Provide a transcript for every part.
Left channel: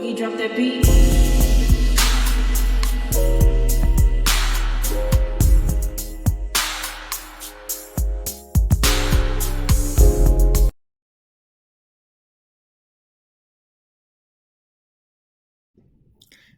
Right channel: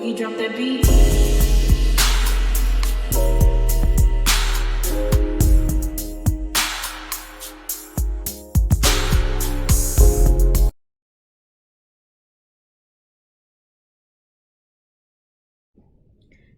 Boogie, drop that beat.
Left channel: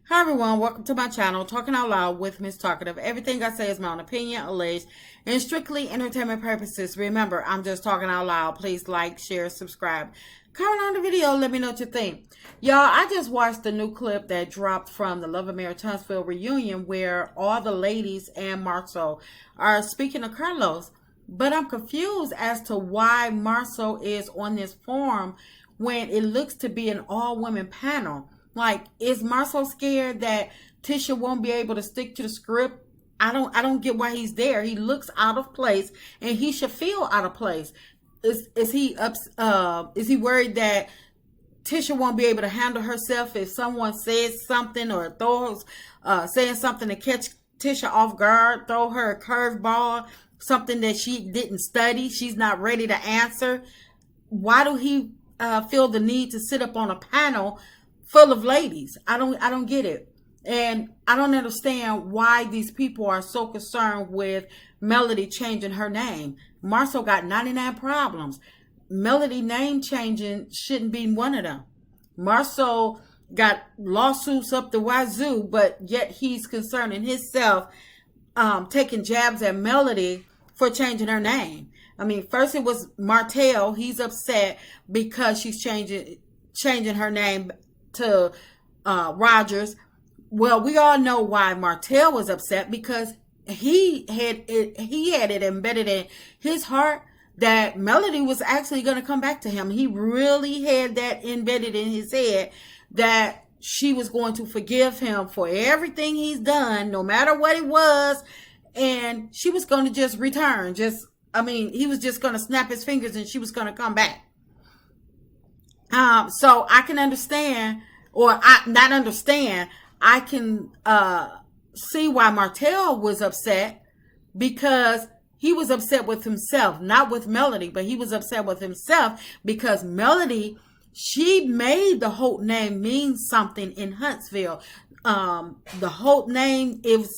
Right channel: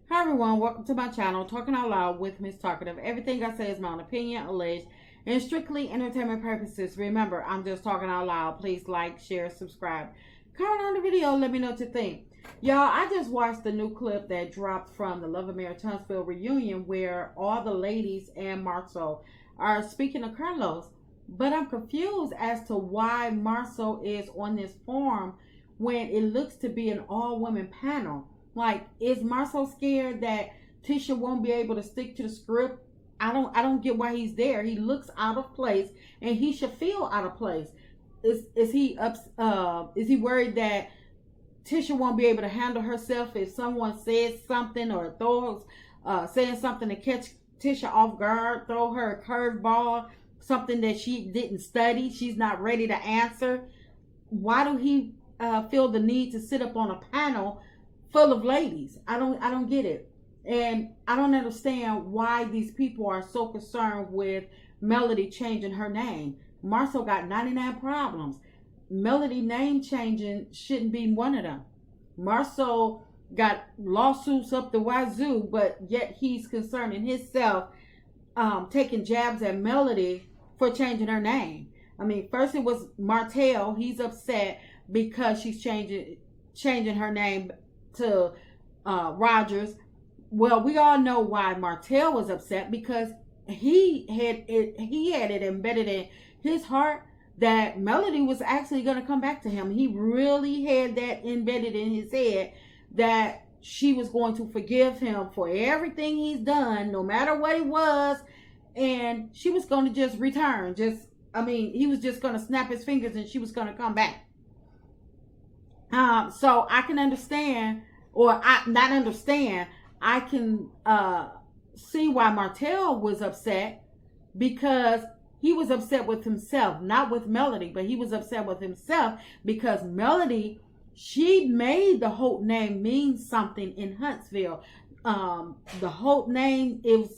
Hi everyone, welcome to my channel, Talking Out Loud with Miss Talkative. Everything I say is my own opinion, alleged, and strictly entertainment purposes. Remember, I'm just talking out loud. Please like, share, subscribe. Comment on the video, let me know what you think. Y'all, I just watched the new clip that dropped from the Love of Mayor Tunstall reunion where all the ladies and Marsau are speaking to Carlos. But I'm confused as to why Marsau is on this forum when it looks to be an all-women panel. Like, is Marsau scared that Tisha won't be able to stick to the script? I don't get why he's there. He looks out of place, and he should feel out of place. Is he worried that Tisha won't be able to handle herself if someone says something or throws saying something to catch Tisha off guard, throw her a curveball, something that she didn't study, she's not ready to answer? Why do he feel the need to sit up on a panel full of ladies? I don't get it. And I don't understand why these people are so concerned with Melody changing her name. Marsau got 99 problems. Melody name changing shouldn't be one of them. Marsau got lawsuits up the wazoo, but yet he's concerning himself taking jabs at Melody for changing her name. I mean, first it was Martell. He's upset because she's changing her name to Rogers. Well, we all know why Martell was upset, because he had it embedded in his heart that Melody was actually going to come back to him. He really had that embedded in his head that she was going to forgive him for everything he's done, no matter what it was, and she was going to just return. He was just going to snap his fingers and she was going to come back. So I can understand, I can see why Martell was upset, because he was upset with himself, not with Melody, but he was upset with himself because Melody, she made the Holt name mean something in Huntsville. The Holt name, it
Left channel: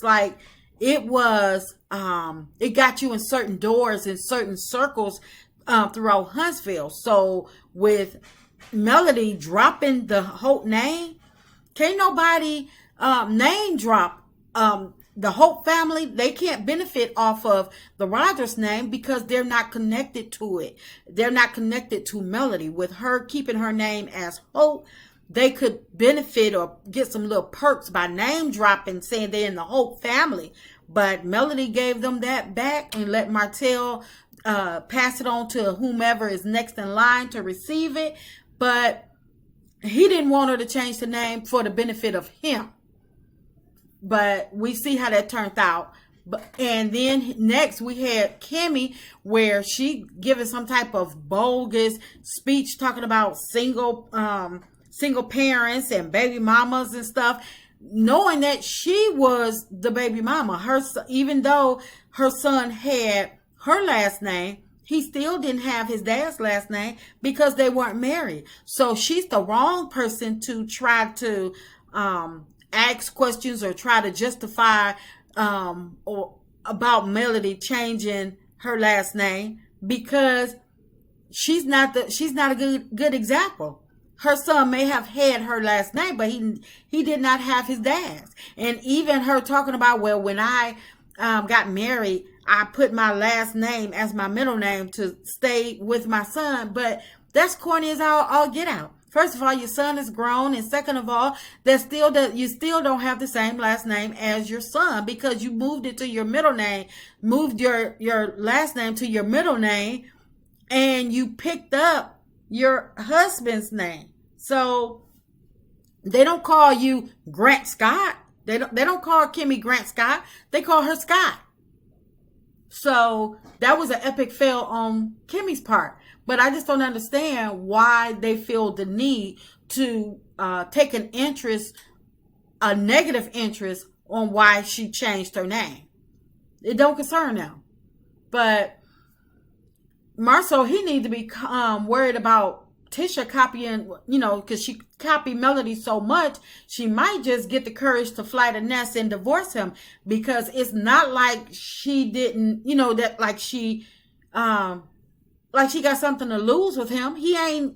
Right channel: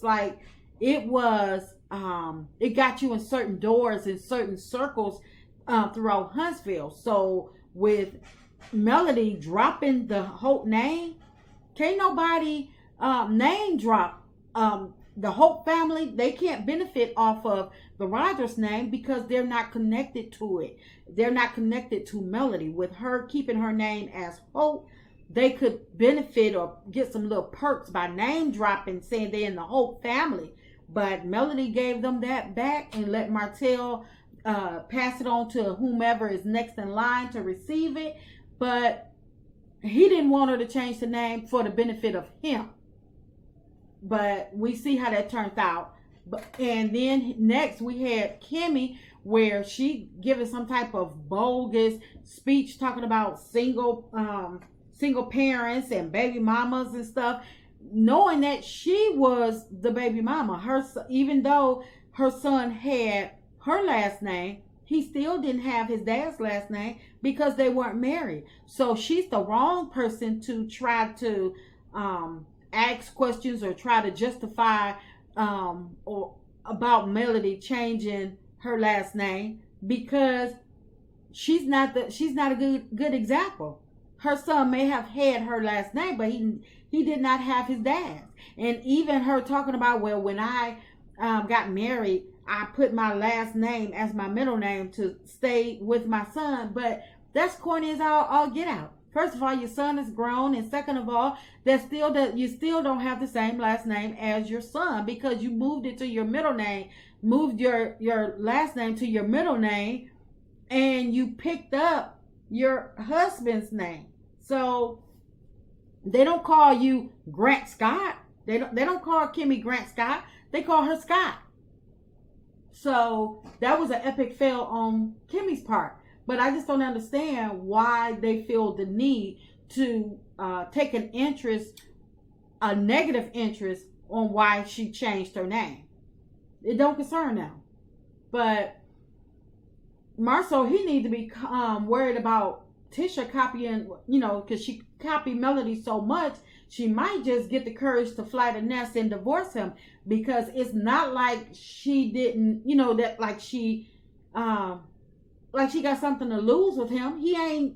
got you in certain doors, in certain circles throughout Huntsville. So with Melody dropping the Holt name, can't nobody name drop the Holt family. They can't benefit off of the Rogers name because they're not connected to it. They're not connected to Melody. With her keeping her name as Holt, they could benefit or get some little perks by name dropping, saying they're in the Holt family. But Melody gave them that back and let Martell pass it on to whomever is next in line to receive it. But he didn't want her to change the name for the benefit of him. But we see how that turned out. And then next we had Kimmy, where she giving some type of bogus speech talking about single parents and baby mamas and stuff, knowing that she was the baby mama. Even though her son had her last name, he still didn't have his dad's last name because they weren't married. So she's the wrong person to try to ask questions or try to justify or about Melody changing her last name, because she's not a good example. Her son may have had her last name, but he did not have his dad's. And even her talking about, well, when I got married, I put my last name as my middle name to stay with my son. But that's corny as all get out. First of all, your son is grown, and second of all, you still don't have the same last name as your son, because you moved it to your middle name, moved your last name to your middle name, and you picked up your husband's name. So they don't call you Grant Scott. They don't call Kimmy Grant Scott. They call her Scott. So that was an epic fail on Kimmy's part. But I just don't understand why they feel the need to take a negative interest on why she changed her name. It don't concern them. But Marsau, he need to be worried about Tisha copying, because she copied Melody so much, she might just get the courage to fly the nest and divorce him, because it's not like she didn't, that like she got something to lose with him. He ain't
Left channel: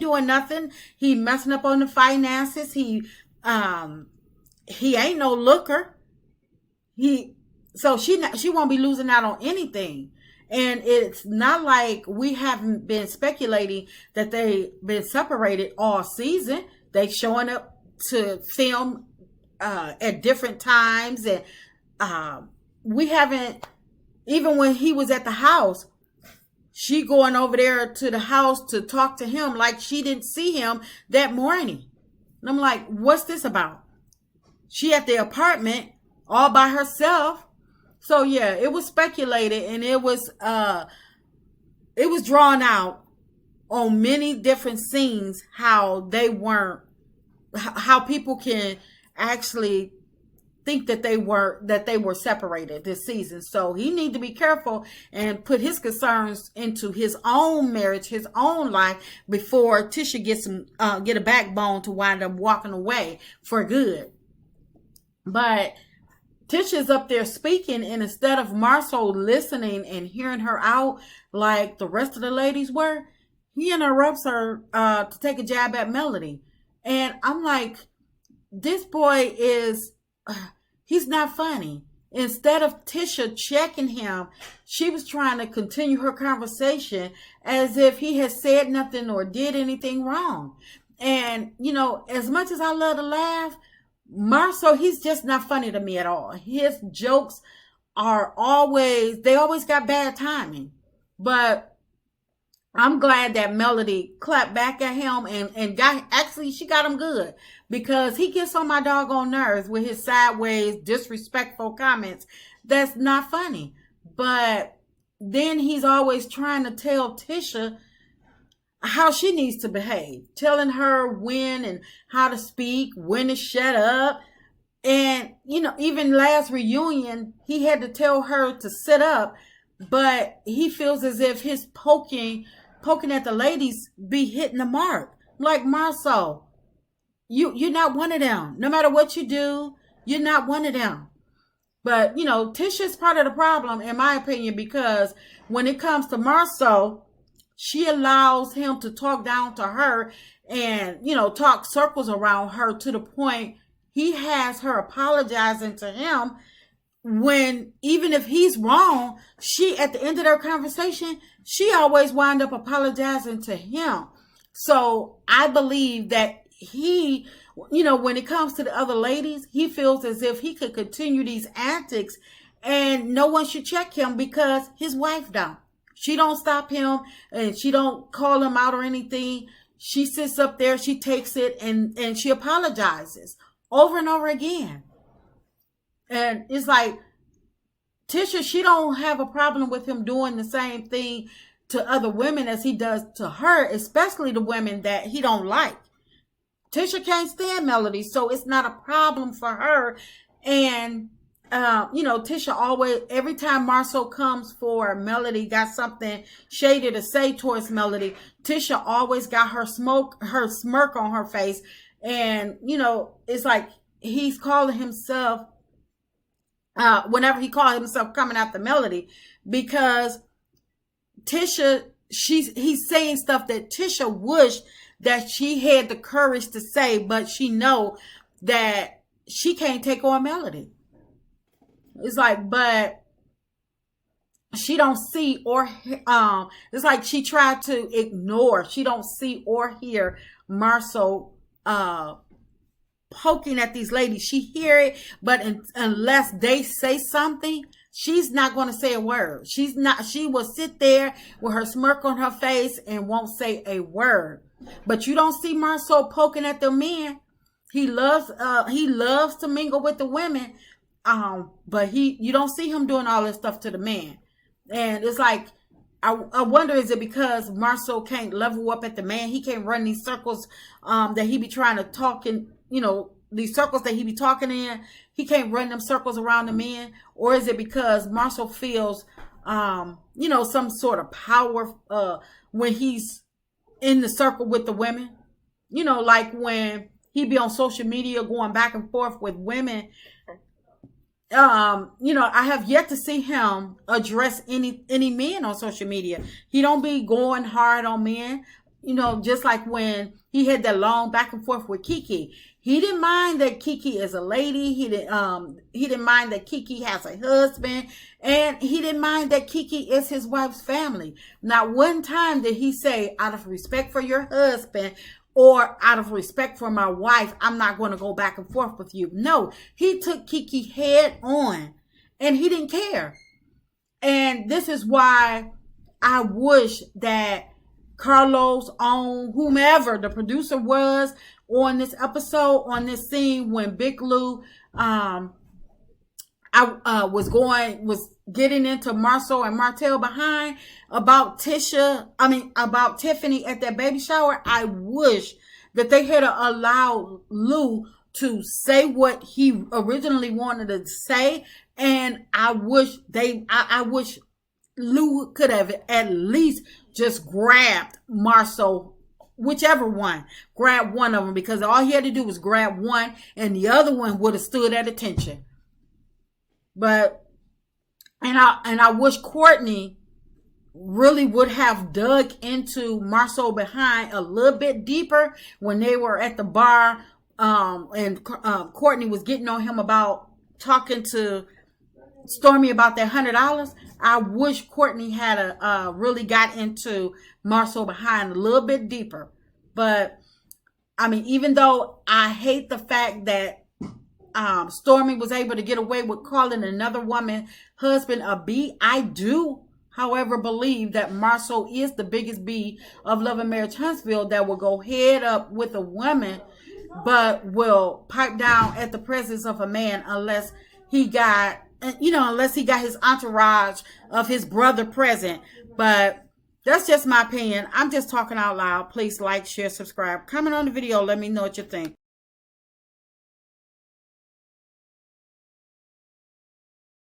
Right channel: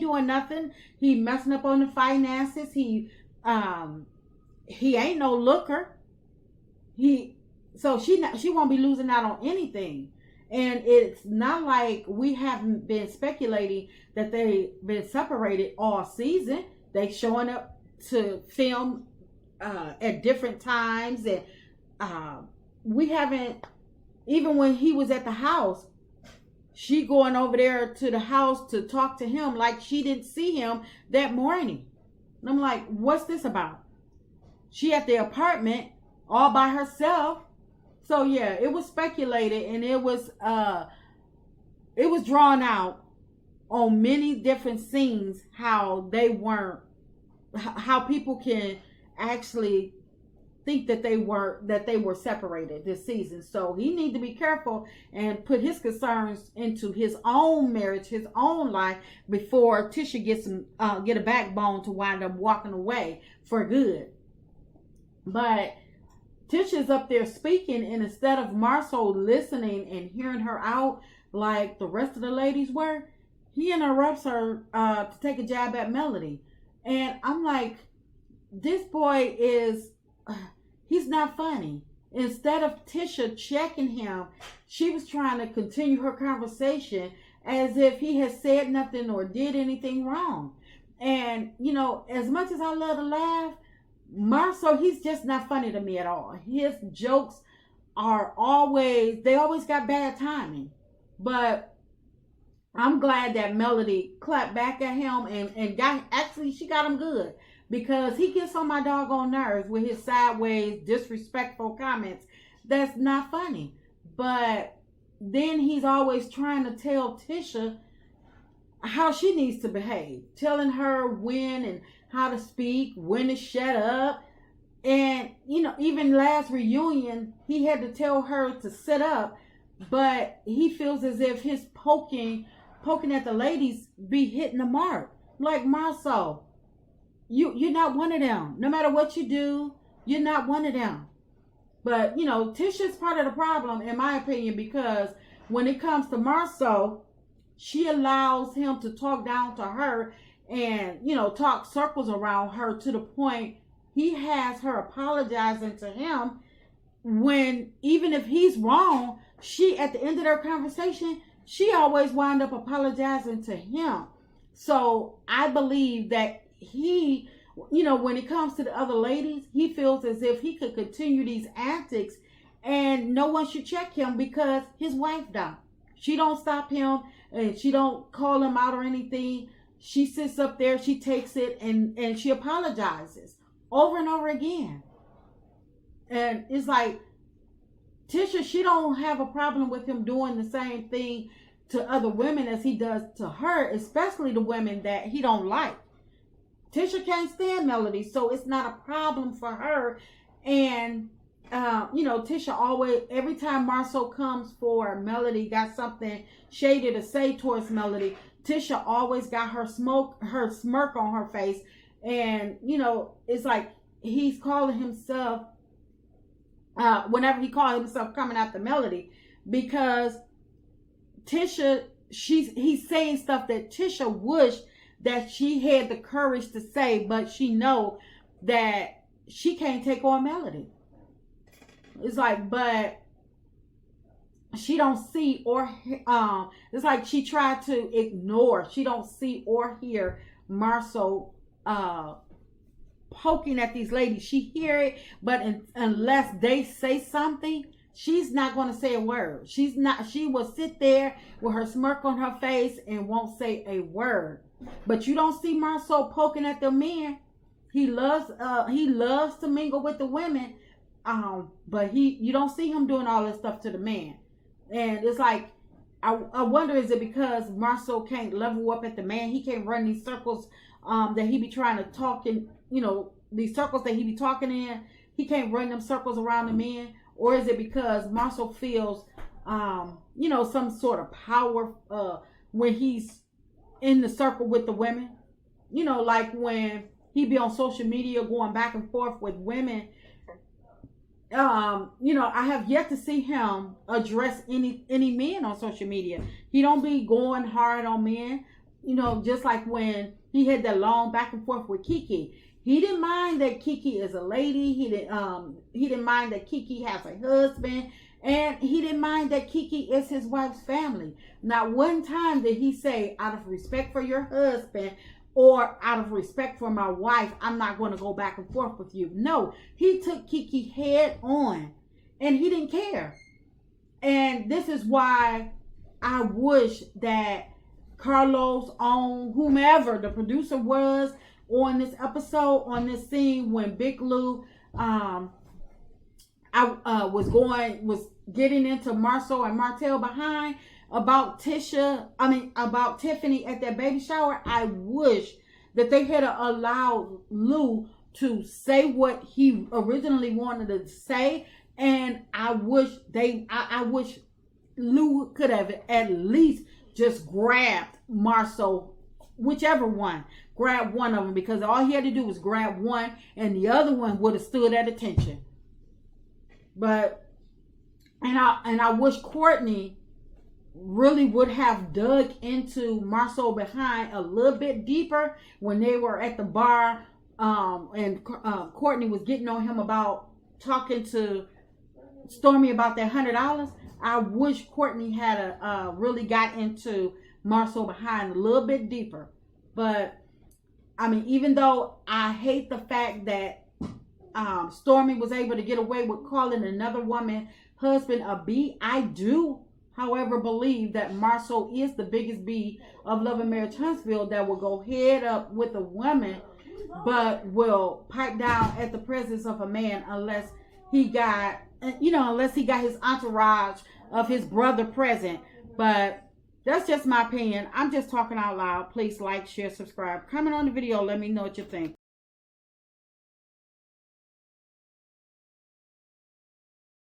doing nothing. He messing up on the finances. He ain't no looker. So she won't be losing out on anything. And it's not like we haven't been speculating that they've been separated all season. They showing up to film at different times, and we haven't, even when he was at the house, she going over there to the house to talk to him like she didn't see him that morning. And I'm like, what's this about? She at the apartment all by herself. So yeah, it was speculated, and it was drawn out on many different scenes how people can actually think that they were separated this season. So he need to be careful and put his concerns into his own marriage, his own life, before Tisha get a backbone to wind up walking away for good. But Tisha's up there speaking, and instead of Marsau listening and hearing her out like the rest of the ladies were, he interrupts her to take a jab at Melody. And I'm like, this boy he's not funny. Instead of Tisha checking him, she was trying to continue her conversation as if he had said nothing or did anything wrong. And, as much as I love to laugh, Marsau, he's just not funny to me at all. His jokes they always got bad timing. But I'm glad that Melody clapped back at him and she got him good, because he gets on my doggone nerves with his sideways, disrespectful comments. That's not funny. But then he's always trying to tell Tisha how she needs to behave, telling her when and how to speak, when to shut up. And, even last reunion, he had to tell her to sit up, but he feels as if his poking at the ladies be hitting the mark. Like, Marsau, you're not one of them. No matter what you do, you're not one of them. But, Tisha's part of the problem, in my opinion, because when it comes to Marsau, she allows him to talk down to her and, talk circles around her, to the point he has her apologizing to him, when even if he's wrong, she, at the end of their conversation, she always wind up apologizing to him. So I believe that he, when it comes to the other ladies, he feels as if he could continue these antics and no one should check him, because his wife don't. She don't stop him, and she don't call him out or anything. She sits up there, she takes it, and she apologizes over and over again. And it's like, Tisha, she don't have a problem with him doing the same thing to other women as he does to her, especially the women that he don't like. Tisha can't stand Melody, so it's not a problem for her. And Tisha always, every time Marsau comes for Melody, got something shady to say towards Melody, Tisha always got her smirk on her face. And, it's like he's calling himself, whenever he called himself coming after Melody, because Tisha, he's saying stuff that Tisha wished that she had the courage to say, but she know that she can't take on Melody. It's like, but she don't see or it's like she tried to ignore. She don't see or hear Marsau poking at these ladies. She hear it, but unless they say something, she's not going to say a word. She will sit there with her smirk on her face and won't say a word. But you don't see Marsau poking at the men. He loves to mingle with the women. But you don't see him doing all this stuff to the man. And it's like, I wonder, is it because Marsau can't level up at the man? He can't run these circles that he be trying to talk in, these circles that he be talking in. He can't run them circles around the men. Or is it because Marsau feels, some sort of power when he's in the circle with the women. You know, like when he be on social media going back and forth with women. You know, I have yet to see him address any men on social media. He don't be going hard on men. You know, just like when he had that long back and forth with Kiki. He didn't mind that Kiki is a lady. He didn't mind that Kiki has a husband. And he didn't mind that Kiki is his wife's family. Not one time did he say, out of respect for your husband or out of respect for my wife, I'm not going to go back and forth with you. No, he took Kiki head on and he didn't care. And this is why I wish that Carlos, on whomever the producer was on this episode, on this scene when Big Lou was getting into Marsau and Martell behind about Tiffany at that baby shower. I wish that they had allowed Lou to say what he originally wanted to say, and I wish Lou could have at least just grabbed Marsau, whichever one, grab one of them, because all he had to do was grab one, and the other one would have stood at attention. But I wish Courtney really would have dug into Marsau behind a little bit deeper when they were at the bar, and Courtney was getting on him about talking to Stormy about that $100. I wish Courtney had really got into Marsau behind a little bit deeper. But I mean, even though I hate the fact that Stormy was able to get away with calling another woman husband a B, I do, however, believe that Marsau is the biggest B of Love and Marriage Huntsville that will go head up with a woman, but will pipe down at the presence of a man unless he got his entourage of his brother present. But that's just my opinion. I'm just talking out loud. Please like, share, subscribe, comment on the video. Let me know what you think.